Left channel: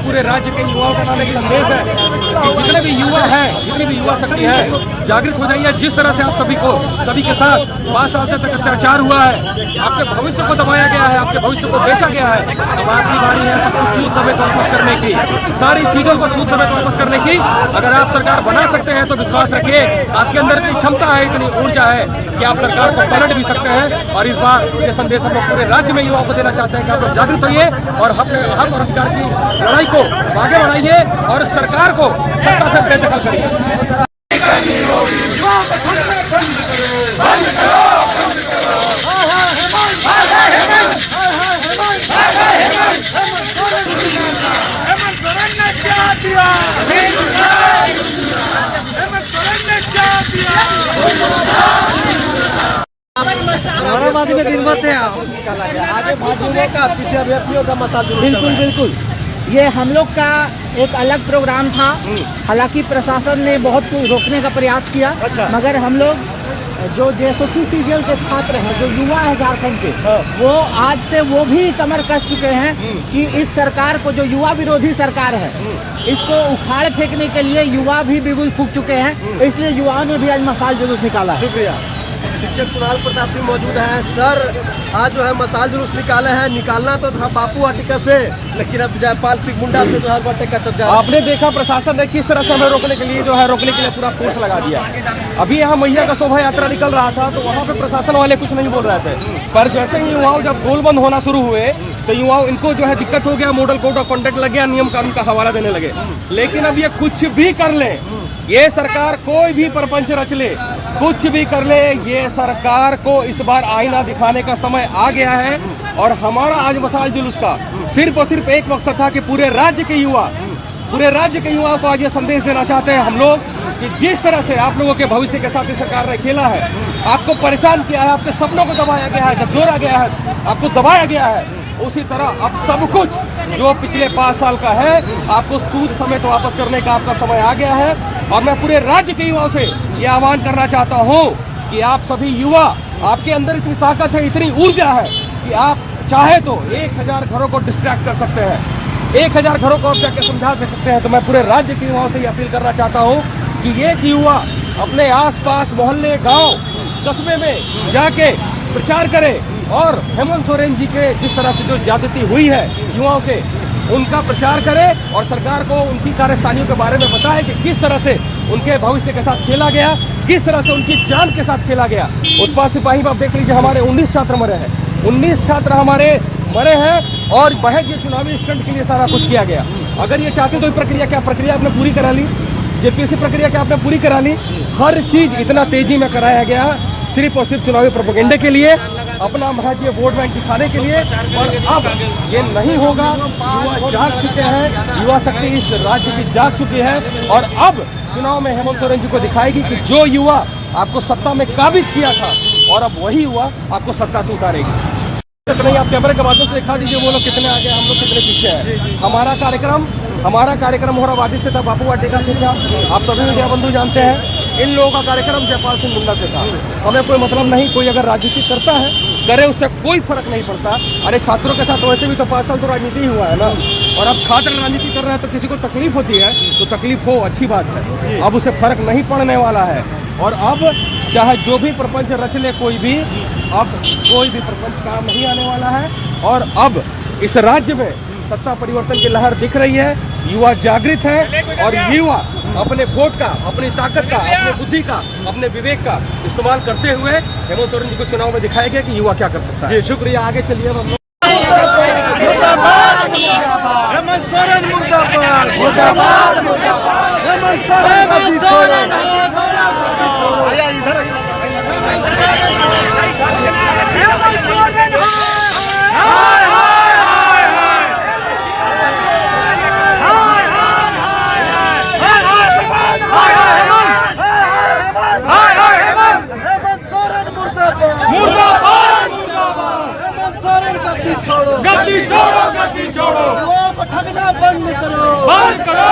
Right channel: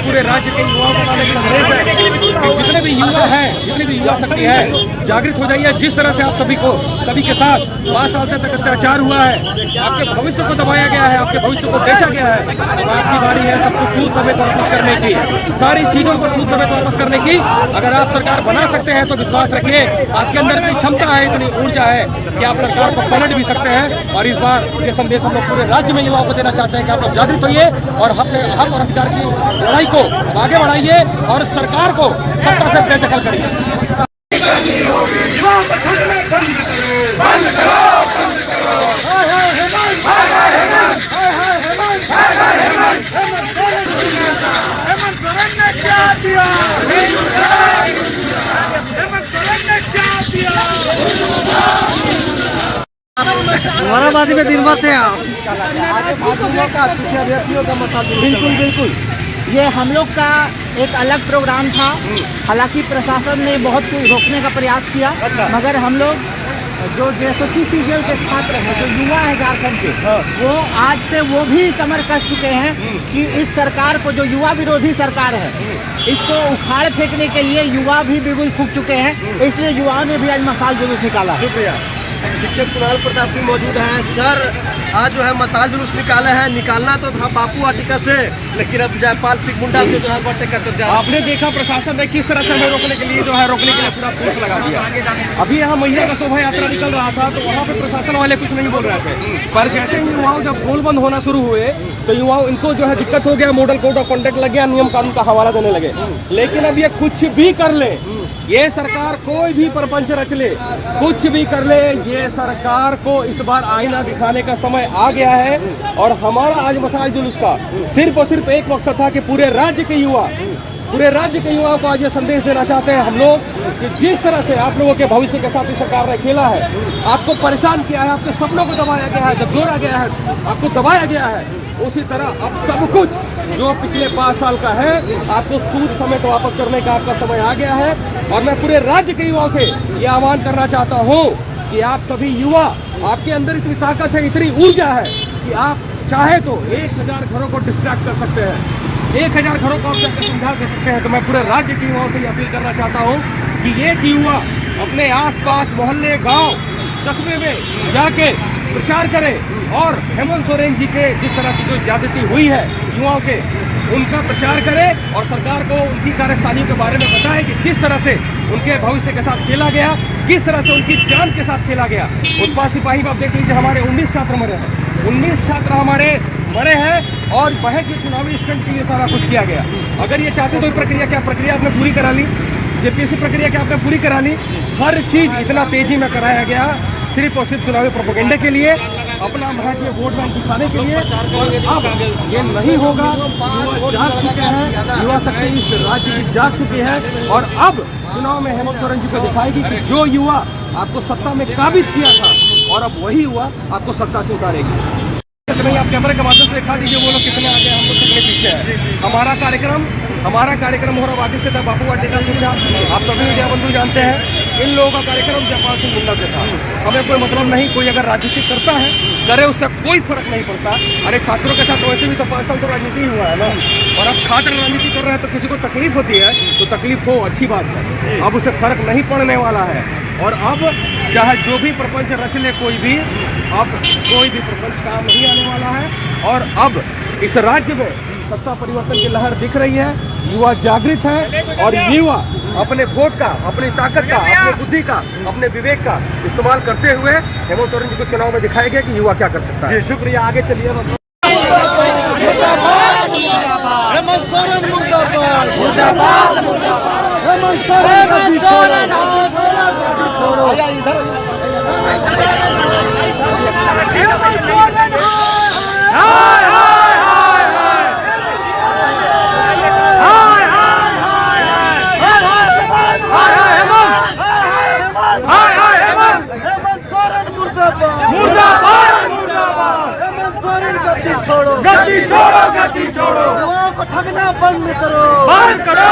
पूरे राज्य के युवाओं को डालने का संदेश है कि जितने भी युवा हैं, जितनी भी युवा शक्ति है, जागृत हो जाइए। जिस तरह से आप सभी के साथ 5 साल तक अत्याचार हुआ है, आपके भविष्य को दबाया गया है, आपके भविष्य को बेचा गया है। अब आपकी बारी है सब कुछ सूद समेत वापस करने की, सारी चीजों को सूद समेत वापस करने की। अगर आप सरकार बना सकते हैं तो विश्वास रखिए, आपके अंदर इतनी क्षमता है, इतनी ऊर्जा है कि आप सरकार को पलट भी सकते हैं। और इस बार ये संदेश हम लोग पूरे राज्य में युवाओं को देना चाहते हैं कि आप लोग जागृत होइए और अपने हक और अधिकार की लड़ाई को आगे बढ़ाइए और सरकार को सत्ता से बेदखल करिए। हेमंत सोरेन ने क्या दिया? हेमंत सोरेन ने क्या दिया? औरंगाबाद में दिन भर थे बिल्कुल बिल्कुल, ये हम लोग का एक अलग प्रोग्राम था। हालांकि प्रशासन ने बहुत कुछ रोकने का प्रयास किया, मगर हम लोग जो जेएसएससी सीजीएल के छात्र हैं, जो युवा है झारखंड के, वो आज से वो भी कमर कस चुके हैं कि इस सरकार को, जो युवा विरोधी सरकार है, इसको उखाड़ फेंकने के लिए युवा भी बिगुल फूंक चुके हैं। इसलिए युवाओं ने भी आज मसाल जुलूस निकाला है। शिक्षक कुणाल प्रताप सिंह मौजूद हैं। सर, आज जो है मसाल जुलूस निकाले हैं, निकालना तो था बापू वाटिका से, लेकिन अब जयपाल सिंह मुंडा से जो है वाटिका तक जा। आपने देखा प्रशासन ने किस तरह से हमें रोकने के लिए पूरा फोर्स लगा दिया। अभी यहाँ मैया का शोभा यात्रा निकल रहा था तो वहाँ पे प्रशासन वाले कुछ नहीं बोल रहे थे, पर जैसे ही युवाओं जब गोल बंद होना शुरू हुए तो युवाओं इनको जो है दिक्कत हो गया, मॉडल कोड ऑफ कंडक्ट लग गया, नियम कानून का हवाला देने लगे। लेकिन अब ये कुछ भी कर ले, ये सरकार कोई भी प्रपंच रच ले, कुछ भी कर ले, ये सरकार को इस बार आईना दिखाने का समय आ गया है। और हमारा आज मसाल जुलूस का सिर्फ और सिर्फ एक मकसद था कि पूरे राज्य के युवाओं को आज ये संदेश देना चाहते हैं हम लोग कि जिस तरह से आप लोगों के भविष्य के साथ सरकार ने खेला है, आपको परेशान किया है, आपके सपनों को दबाया गया है, झकझोरा गया है, आपको दबाया गया है, उसी तरह अब सब कुछ जो पिछले 5 साल का है आपको सूद समेत वापस करने का आपका समय आ गया है। और मैं पूरे राज्य के युवाओं से ये आह्वान करना चाहता हूँ कि आप सभी युवा, आपके अंदर इतनी ताकत है, इतनी ऊर्जा है कि आप चाहे तो 1000 घरों को डिस्ट्रैक्ट कर सकते हैं, 1000 घरों को आप जाकर समझा दे सकते हैं। तो मैं पूरे राज्य के युवाओं से अपील करना चाहता हूँ कि एक युवा अपने आसपास मोहल्ले, गांव, कस्बे में जाके प्रचार करे और हेमंत सोरेन जी के जिस तरह की जो ज्यादती हुई है युवाओं के, उनका प्रचार करे और सरकार को उनकी कार्यस्थानियों के बारे में बताए कि किस तरह से उनके भविष्य के साथ खेला गया, किस तरह से उनकी जान के साथ खेला गया। उत्पाद सिपाही में आप देख लीजिए, हमारे 19 छात्र मरे हैं, 19 छात्र हमारे मरे हैं और महज ये चुनावी स्टंट के लिए सारा कुछ किया गया। अगर ये चाहते तो प्रक्रिया आपने पूरी करा ली, जेपीएससी प्रक्रिया क्या आपने पूरी करा ली। हर चीज इतना तेजी में कराया गया सिर्फ और सिर्फ चुनावी प्रोपेगेंडे के लिए, अपना महज ये वोट बैंक दिखाने के लिए। और अब ये नहीं होगा, युवा जाग चुके हैं, युवा शक्ति इस राज्य की जाग चुकी है और अब चुनाव में हेमंत सोरेन जी को दिखाएगी कि जो युवा आपको सत्ता में काबिज किया था और अब वही युवा आपको सत्ता से उतारेगी। नहीं, आप कैमरे के माध्यम से दिखा दीजिए वो लोग कितने आगे, हम लोग कितने पीछे हैं। हमारा कार्यक्रम हो रहा वादित से था, बापू वाटिका से था, आप सभी मीडिया बंधु जानते हैं। इन लोगों का कार्यक्रम जयपाल सिंह मुंडा से था। हमें कोई मतलब नहीं, कोई अगर राजनीति करता है करे, उससे कोई फर्क नहीं पड़ता। अरे छात्रों के साथ वैसे भी तो 5 साल तो राजनीति हुआ है ना, और अब छात्र राजनीति कर रहे हैं तो किसी को तकलीफ होती है तो तकलीफ हो, अच्छी बात है, अब उसे फर्क नहीं पड़ने वाला है। और अब चाहे जो भी प्रपंच रच ले कोई भी, अब कोई भी प्रपंच काम नहीं आने वाला है। और अब इस राज्य में सत्ता परिवर्तन की लहर दिख रही है, युवा जागृत है और युवा अपने वोट का, अपनी ताकत का, अपनी बुद्धि का, अपने विवेक का इस्तेमाल करते हुए हेमंत सोरेन जी को चुनाव में दिखाएंगे कि युवा क्या कर सकता है। शुक्रिया, आगे चलिए। हेमंत सोरेन मुर्दाबाद, हेमंत सोरेन गद्दी छोड़ो। आया इधर गद्दी छोड़ो, गद्दी छोड़ो, युवाओं को ठगना बंद करो, बंद करो।